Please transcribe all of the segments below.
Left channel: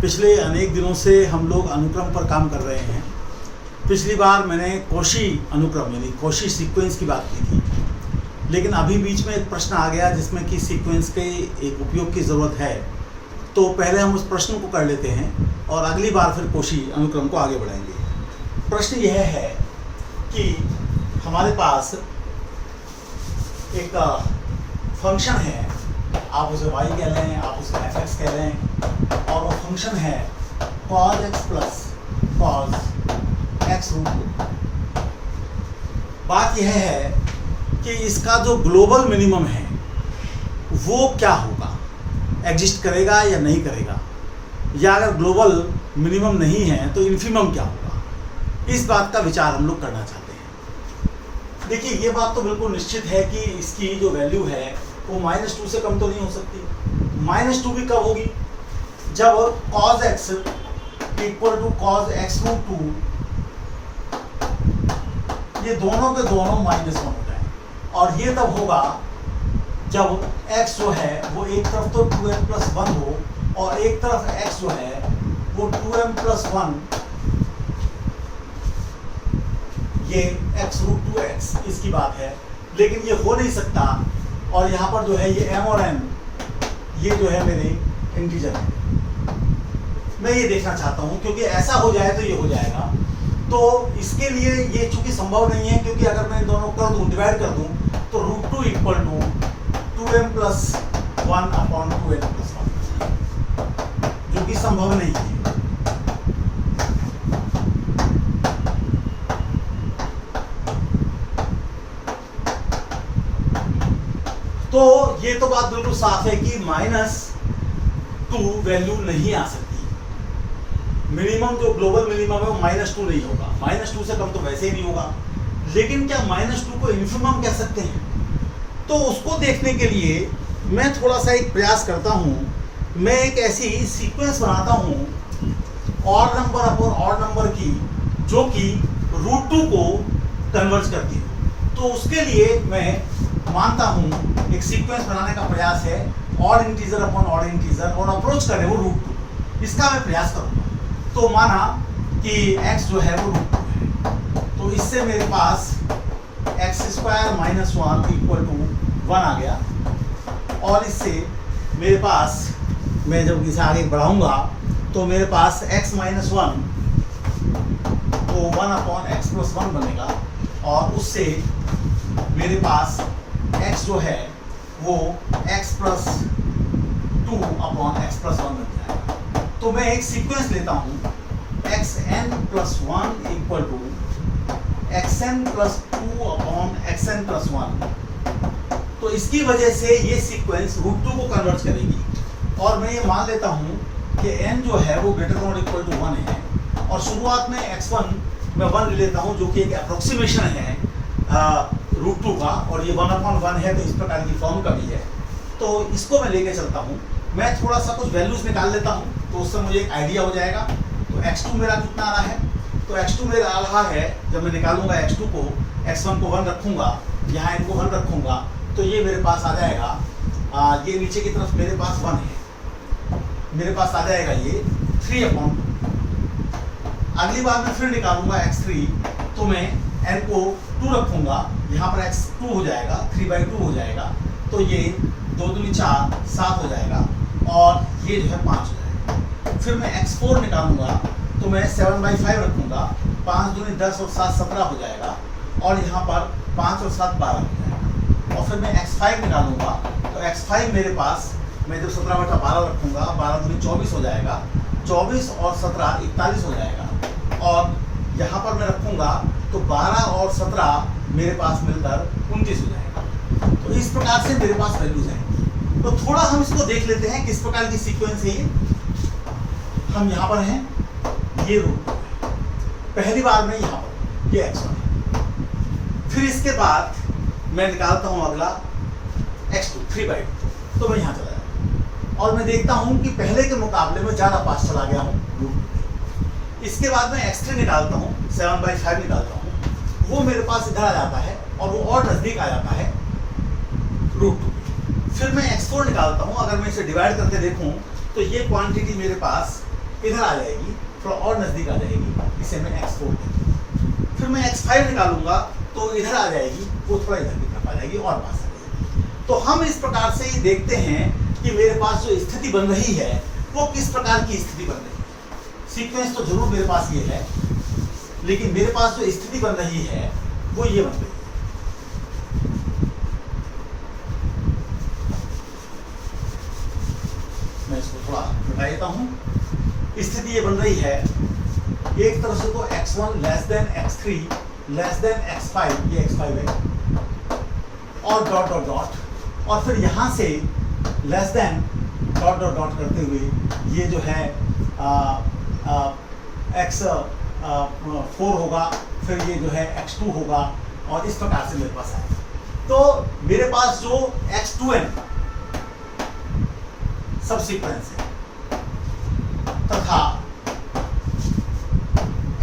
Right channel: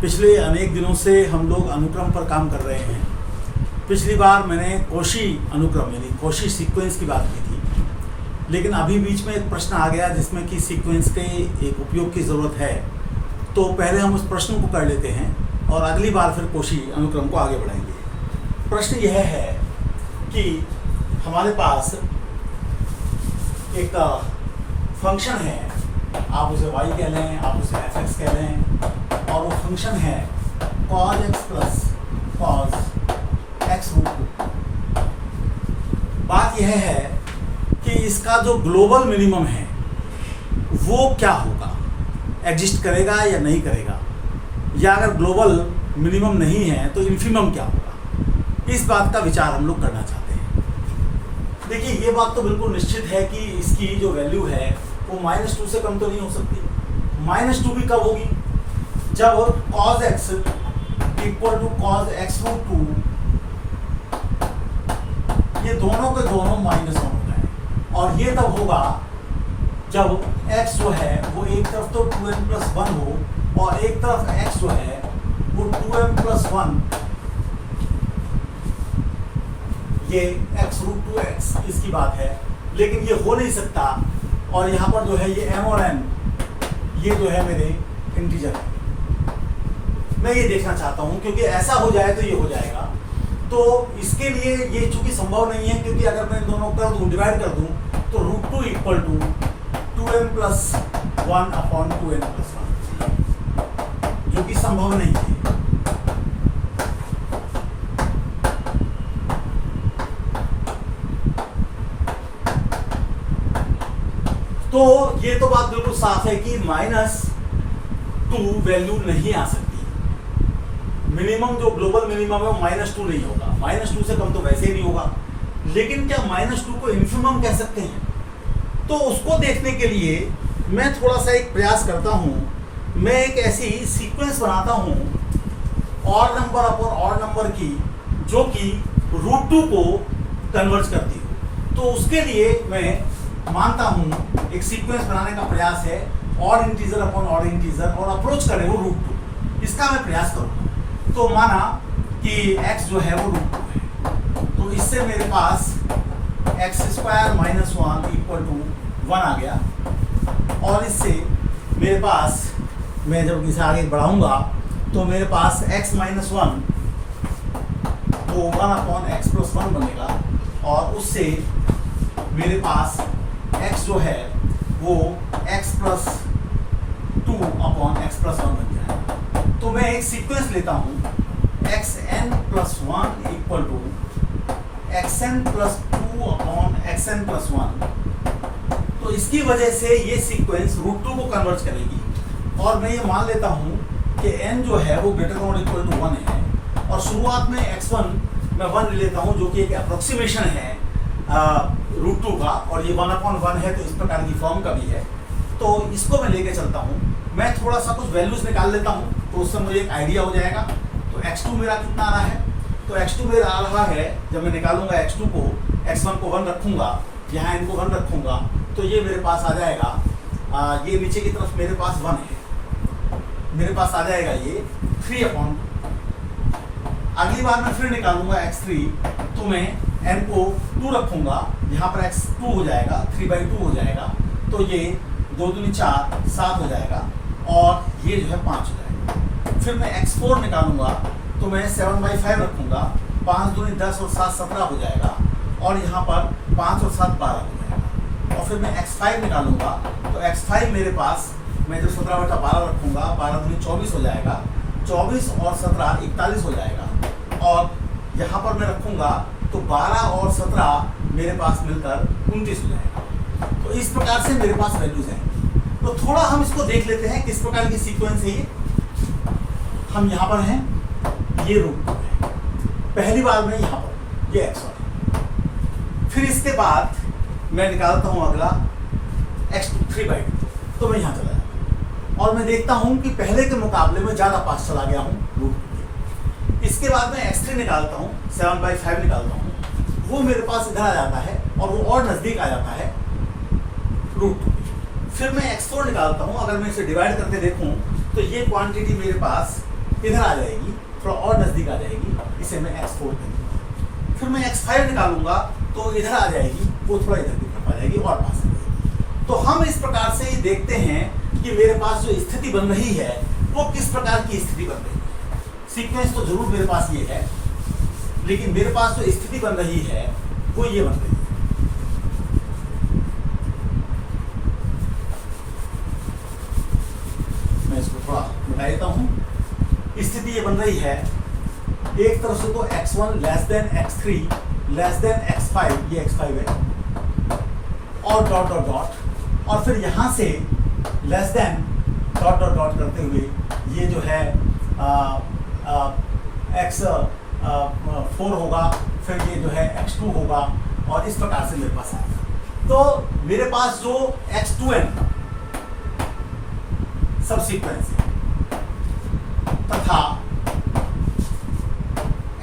पिछले अनेक दिनों से हम लोग अनुक्रम पर काम कर रहे हैं। पिछली बार मैंने कॉशी अनुक्रम यानी कॉशी सीक्वेंस की बात की थी, लेकिन अभी बीच में एक प्रश्न आ गया जिसमें कि सीक्वेंस के एक उपयोग की ज़रूरत है। तो पहले हम उस प्रश्न को कर लेते हैं और अगली बार फिर कॉशी अनुक्रम को आगे बढ़ाएंगे। प्रश्न यह है कि हमारे पास एक फंक्शन है, आप उसे y कह लें, आप उसे fx कह लें, और वो फंक्शन है cos x plus cos x root 2। बात यह है कि इसका जो ग्लोबल मिनिमम है वो क्या होगा, एग्जिस्ट करेगा या नहीं करेगा, या अगर ग्लोबल मिनिमम नहीं है तो इन्फिमम क्या होगा। इस बात का विचार हम लोग करना चाहते हैं। देखिए, ये बात तो बिल्कुल निश्चित है कि इसकी जो वैल्यू है वो -2 से कम तो नहीं हो सकती। -2 भी कब होगी, जब cos x equal to cos x root 2, ये दोनों के दोनों -1 हो जाए। और ये तब होगा जब x जो है वो एक तरफ तो 2m प्लस 1 हो और एक तरफ x जो है वो 2m प्लस 1, ये x रूट 2x इसकी बात है। लेकिन ये हो नहीं सकता, और यहाँ पर जो है ये m और n ये जो है मेरे इंटीजर है। मैं ये देखना चाहता हूँ, क्योंकि ऐसा हो जाए तो ये हो जाएगा। तो इसके लिए ये चूंकि संभव नहीं है, क्योंकि अगर मैं दोनों कर दूँ, डिवाइड कर दूँ, तो root 2 equal to 2m plus 1 upon 2n plus 1, जो कि संभव नहीं है। तो ये तो बात बिल्कुल साफ है कि -2 वैल्यू नहीं आ सकती। मिनिमम जो ग्लोबल मिनिमम है वो -2 नहीं होगा, -2 से कम तो वैसे ही नहीं होगा। लेकिन क्या -2 को इन्फिमम कह सकते हैं? तो उसको देखने के लिए मैं थोड़ा सा एक प्रयास करता हूँ। मैं एक ऐसी सीक्वेंस बनाता हूँ odd number upon odd number की, जो कि रूट 2 को कन्वर्ज करती है। तो उसके लिए मैं मानता हूँ एक सीक्वेंस बनाने का प्रयास है odd integer upon odd integer, और अप्रोच करें वो रूट 2, इसका मैं प्रयास करूँगा। तो माना कि x जो है वो रूट 2 है, तो इससे मेरे पास x² - 1 इक्वल टू 1 आ गया। और इससे मेरे पास, मैं जब इसे आगे बढ़ाऊंगा तो मेरे पास x - 1 तो 1 अपॉन x प्लस 1 बनेगा, और उससे मेरे पास x जो है वो x plus 2 upon x plus 1 बन जाएगा। तो मैं एक सीक्वेंस लेता हूँ xn plus 1 equal to xn plus 2 upon xn plus 1। तो इसकी वजह से ये सीक्वेंस रूट 2 को कन्वर्ट करेगी। और मैं ये मान लेता हूँ कि n जो है वो ग्रेटर देन इक्वल टू 1 है, और शुरुआत में x1 मैं 1 ले लेता हूँ, जो कि एक अप्रोक्सीमेशन है रूट 2 का, और ये 1/1 है, तो इस प्रकार की फॉर्म का भी है। तो इसको मैं लेके चलता हूँ। मैं थोड़ा सा कुछ वैल्यूज निकाल लेता हूँ, तो उससे मुझे एक आइडिया हो जाएगा। तो x2 मेरा कितना आ रहा है, तो x2 मेरा आ रहा है, जब मैं निकालूंगा x2 को, x1 को 1 रखूंगा, यहाँ इनको 1 रखूंगा, तो ये मेरे पास आ जाएगा, ये नीचे की तरफ मेरे पास 1 है, मेरे पास आ जाएगा ये 3/2। अगली बार मैं फिर निकालूंगा x3, तो मैं n को 2 रखूंगा, यहाँ पर x2 हो जाएगा, 3/2 हो जाएगा, तो ये 2 दूनी 4 7 हो जाएगा, और ये जो है 5 हो जाएगा। फिर मैं x4 निकालूंगा, तो मैं 7/5 रखूंगा, 5 दूनी 10 और 7 17 हो जाएगा, और यहाँ पर 5 और 7 12 हो जाएगा। और फिर मैं x5 निकालूंगा, तो x5 मेरे पास, मैं जब 17/12 रखूंगा, 12 दूनी 24 हो जाएगा, 24 और 17 41 हो जाएगा। और यहाँ पर मैं रखूंगा तो 12 और 17 मेरे पास मिलकर 29 हो जाएगा। तो इस प्रकार से मेरे पास वैल्यूज हैं। तो थोड़ा हम इसको देख लेते हैं किस प्रकार की सीक्वेंस है ये। हम यहाँ पर हैं, ये रूट 2 है, पहली बार में यहाँ पर ये x1 है। फिर इसके बाद मैं निकालता हूँ अगला x2 3/2, तो मैं यहाँ चला जाऊँ और मैं देखता हूँ कि पहले के मुकाबले में ज़्यादा पास चला गया हूँ रूट 2 के। इसके बाद मैं x3 निकालता हूँ, 7/5 निकालता हूँ, वो मेरे पास इधर आ जाता है और वो और नज़दीक आ जाता है रूट 2 के। फिर मैं x4 निकालता हूँ, अगर मैं इसे डिवाइड करके देखूँ तो ये क्वांटिटी मेरे पास इधर आ जाएगी, थोड़ा और नज़दीक आ जाएगी, इसे मैं x4 कहूँगा। फिर मैं x5 निकालूंगा तो इधर आ जाएगी, वो थोड़ा इधर की तरफ आ जाएगी और पास आ जाएगी। तो हम इस प्रकार से ही देखते हैं कि मेरे पास जो स्थिति बन रही है वो किस प्रकार की स्थिति बन रही है। सीक्वेंस तो जरूर मेरे पास ये है, लेकिन मेरे पास जो स्थिति बन रही है वो ये बन रही है। मैं इसको थोड़ा मिटा देता हूं। स्थिति ये बन रही है, एक तरफ से तो x1 less than x3 less than x5, ये x5 है, और डॉट डॉट डॉट, और फिर यहां से less than dot dot dot करते हुए ये जो है x4 होगा, फिर ये जो है x2 होगा, और इस प्रकार से मेरे पास आएगा। तो मेरे पास जो x2n सब सीक्वेंस है तथा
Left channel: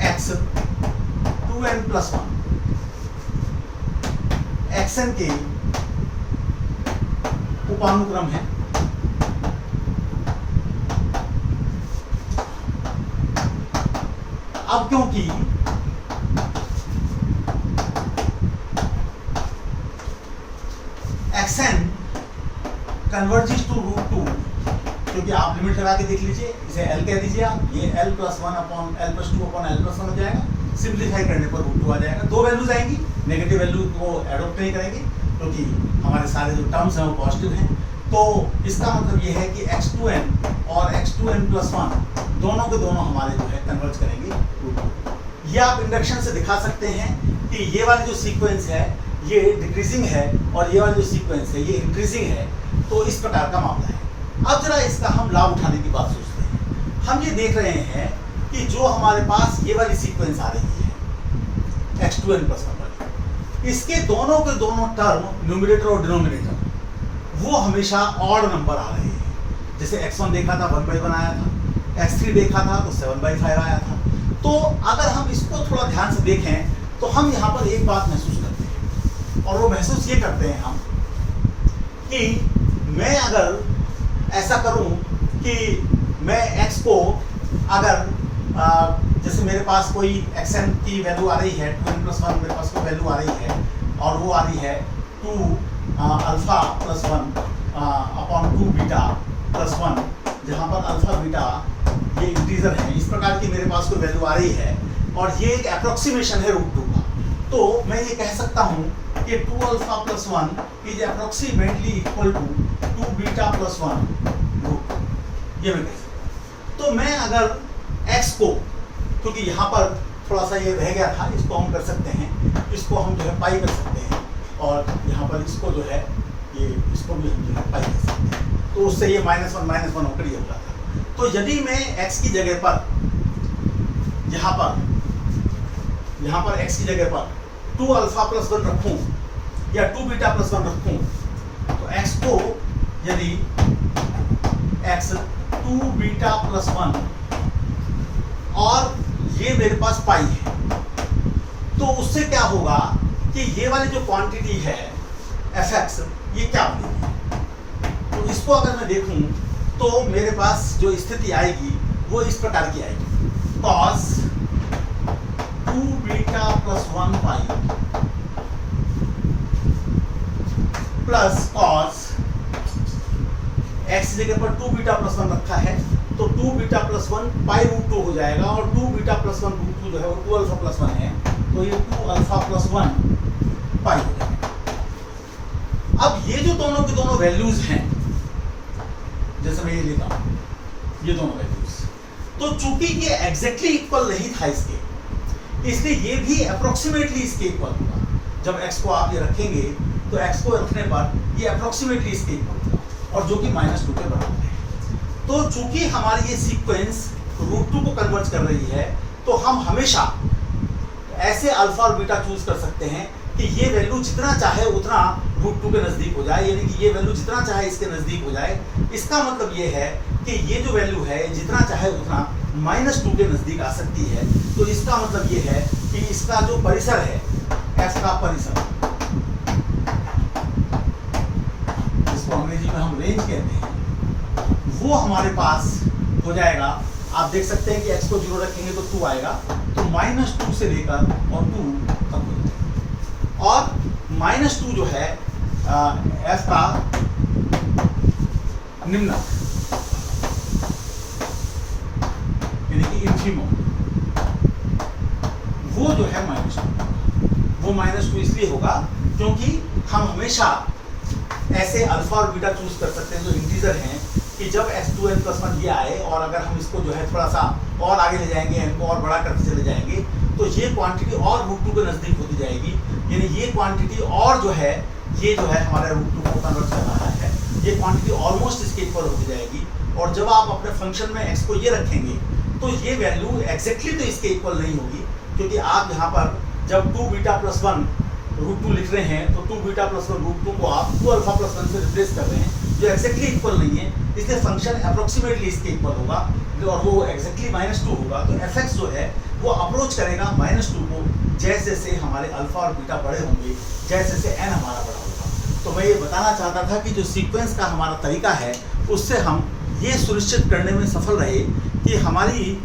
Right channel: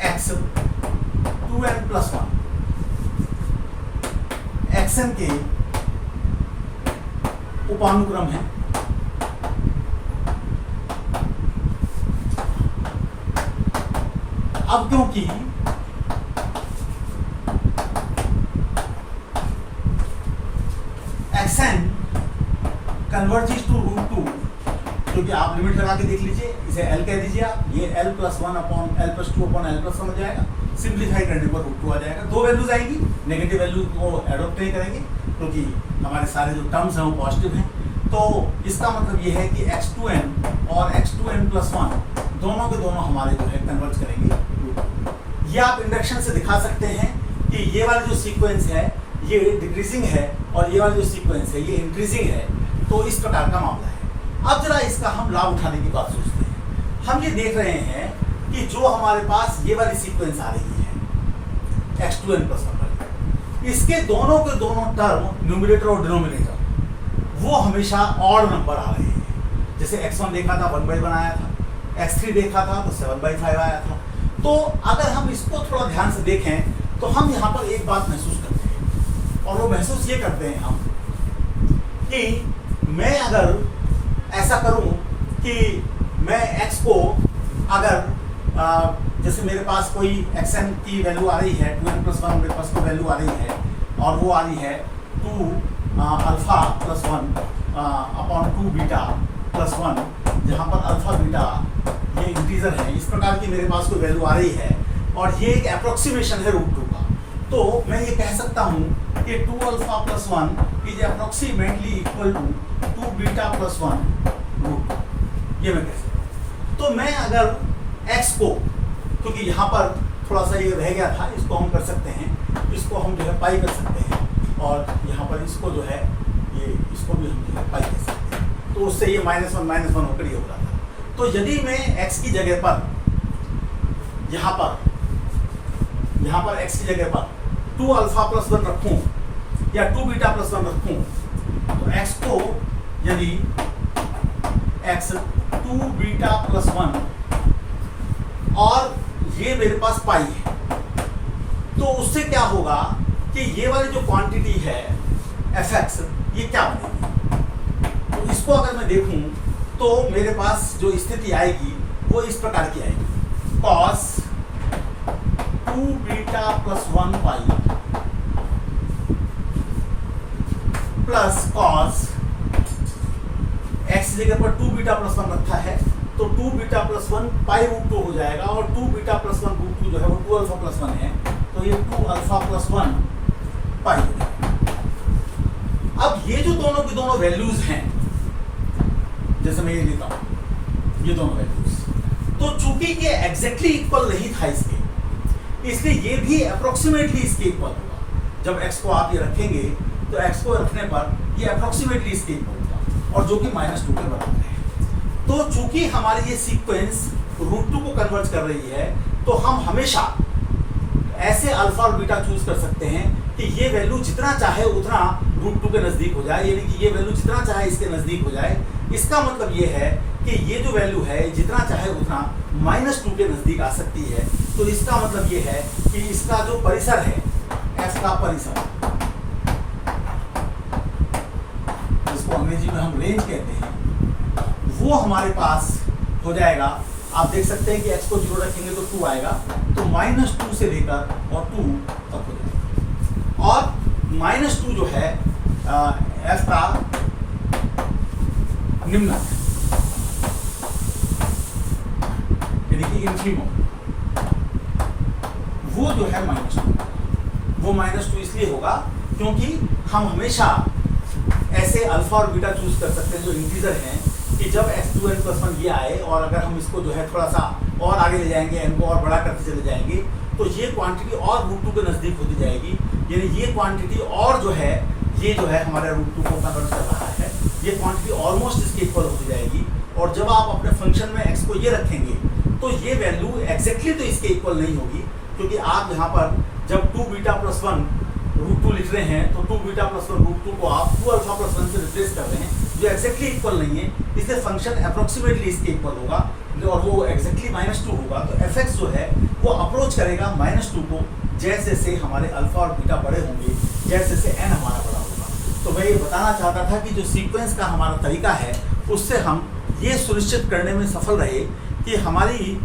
x2n प्लस 1 xn के उपानुक्रम है। अब क्योंकि xn कन्वर्जेस टू √2, क्योंकि आप लिमिट लगा के देख लीजिए, इसे L कह दीजिए आप, ये L plus 1 upon L plus 2 upon L plus 1 हो जाएगा। सिंप्लीफाई करने पर √2 आ जाएगा। दो वैल्यूज आएंगी, नेगेटिव वैल्यू को एडॉप्ट नहीं करेंगे क्योंकि हमारे सारे जो टर्म्स हैं वो पॉजिटिव हैं। तो इसका मतलब ये है कि x2n और x2n प्लस 1 दोनों के दोनों हमारे जो है कन्वर्ज करेंगे √2। ये आप इंडक्शन से दिखा सकते हैं कि ये वाली जो सीक्वेंस है ये डिक्रीजिंग है और ये वाली जो सीक्वेंस है ये इंक्रीजिंग है। तो इस प्रकार का मामला है। अब जरा इसका हम लाभ उठाने की बात सोचते हैं। हम ये देख रहे हैं कि जो हमारे पास ये वाली सीक्वेंस आ रही है x2n प्लस 1, इसके दोनों के दोनों टर्म न्यूमरेटर और डिनोमिनेटर वो हमेशा ऑड नंबर आ रहे हैं। जैसे x1 देखा था 1/1 आया था, x3 देखा था तो 7/5 आया था। तो अगर हम इसको थोड़ा ध्यान से देखें तो हम यहाँ पर एक बात महसूस करते हैं, और वो महसूस ये करते हैं हम कि मैं अगर ऐसा करूं कि मैं x को अगर जैसे मेरे पास कोई xn की वैल्यू आ रही है 2n प्लस 1, मेरे पास कोई वैल्यू आ रही है और वो आ रही है 2 alpha plus 1 upon 2 beta plus 1, जहाँ पर अल्फा बीटा ये इंटीजर है, इस प्रकार की मेरे पास कोई वैल्यू आ रही है और ये एक अप्रोक्सीमेशन है √2 का। तो मैं ये कह सकता हूँ कि 2 alpha plus 1 is approximately equal to 2 beta plus 1 √2, ये मैं कह सकता हूँ। तो मैं अगर x को, क्योंकि यहाँ पर थोड़ा सा ये रह गया था, इसको हम कर सकते हैं, इसको हम जो है पाई कर सकते हैं, और यहाँ पर इसको जो है ये इसको भी हम जो है पाई कर सकते हैं। तो उससे ये -1 होकर ये हो जाता है। तो यदि मैं x की जगह पर यहाँ पर x की जगह पर 2 अल्फा प्लस 1 रखूँ या 2 बीटा प्लस 1 रखूँ, तो x को यदि x 2 बीटा प्लस 1 और ये मेरे पास पाई है, तो उससे क्या होगा कि ये वाली जो क्वांटिटी है fx ये क्या बनेगी। तो इसको अगर मैं देखूं तो मेरे पास जो स्थिति आएगी वो इस प्रकार की आएगी, cos 2 beta plus 1 pi plus cos x जगह पर 2 बीटा प्लस 1 रखा है तो 2 बीटा प्लस 1 पाई √2 हो जाएगा, और 2 बीटा प्लस 1 √2 जो है वो 2 अल्फा प्लस 1 है, तो ये 2 अल्फा प्लस 1 पाई हो जाएगा। अब ये जो दोनों की दोनों वैल्यूज हैं, जैसे मैं ये लेता हूं ये दोनों वैल्यूज, तो चूंकि ये एग्जैक्टली इक्वल नहीं था इसके, इसलिए ये भी अप्रोक्सीमेटली इसके इक्वल होगा। जब x को आप ये रखेंगे तो x को रखने पर ये अप्रोक्सीमेटली इसके इक्वल होगा, और जो कि -2 के बराबर है। तो चूंकि हमारी ये सीक्वेंस √2 को कन्वर्ज कर रही है, तो हम हमेशा ऐसे अल्फा और बीटा चूज कर सकते हैं कि ये वैल्यू जितना चाहे उतना √2 के नज़दीक हो जाए, यानी कि ये वैल्यू जितना चाहे इसके नज़दीक हो जाए। इसका मतलब ये है कि ये जो वैल्यू है जितना चाहे उतना -2 के नज़दीक आ सकती है। तो इसका मतलब ये है कि इसका जो परिसर है, f का परिसर, जिसको अंग्रेजी में हम रेंज कहते हैं, वो हमारे पास हो जाएगा आप देख सकते हैं कि x को 0 रखेंगे तो 2 आएगा, तो -2 से लेकर और 2 तक हो जाएगा। और -2 जो है f का निम्नक यानी कि इन्फीमम, वो जो है -2, वो -2 इसलिए होगा क्योंकि हम हमेशा ऐसे अल्फा और बीटा चूज कर सकते हैं जो इंटीजर हैं कि जब x2n+1 ये आए और अगर हम इसको जो है थोड़ा सा और आगे ले जाएंगे, n को और बड़ा करते चले जाएंगे, तो ये क्वांटिटी और √2 के नज़दीक होती जाएगी, यानी ये क्वांटिटी और जो है ये जो है हमारे √2 को कन्वर्ट कर रहा है, ये क्वांटिटी ऑलमोस्ट इसके इक्वल होती जाएगी। और जब आप अपने फंक्शन में x को ये रखेंगे तो ये वैल्यू एग्जैक्टली तो इसके इक्वल नहीं होगी, क्योंकि आप यहाँ पर जब 2β+1 √2 लिख रहे हैं तो 2β+1 √2 को आप 2α+1 से रिप्लेस कर रहे हैं, जो एग्जैक्टली इक्वल नहीं है, इसलिए फंक्शन अप्रोक्सीमेटली इसके इक्वल होगा और वो एग्जैक्टली -2 होगा। तो fx जो है वो अप्रोच करेगा -2 को जैसे जैसे हमारे अल्फा और बीटा बड़े होंगे, जैसे जैसे n हमारा बड़ा होगा। तो मैं ये बताना चाहता था कि जो सीक्वेंस का हमारा तरीका है उससे हम ये सुनिश्चित करने में सफल रहे कि हमारी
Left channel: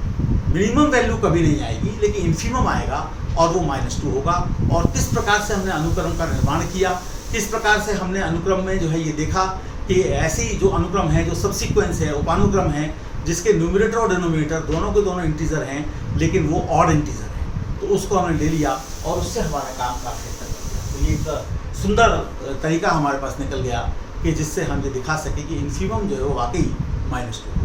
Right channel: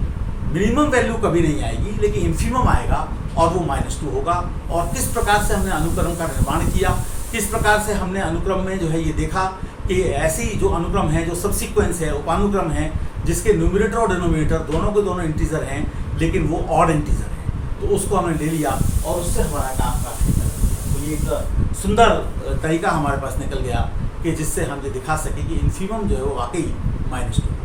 मिनिमम वैल्यू कभी नहीं आएगी, लेकिन इन्फीमम आएगा और वो -2 होगा। और किस प्रकार से हमने अनुक्रम का निर्माण किया, किस प्रकार से हमने अनुक्रम में जो है ये देखा कि ऐसी जो अनुक्रम है, जो सबसीक्वेंस है, उपानुक्रम है, जिसके न्यूमरेटर और डिनोमिनेटर दोनों के दोनों इंटीजर हैं, लेकिन वो ऑड इंटीजर हैं, तो उसको हमने ले लिया और उससे हमारा काम काफी निकल गया। तो ये एक सुंदर तरीका हमारे पास निकल गया कि जिससे हम ये दिखा सके कि इन्फीमम जो है वो वाकई -2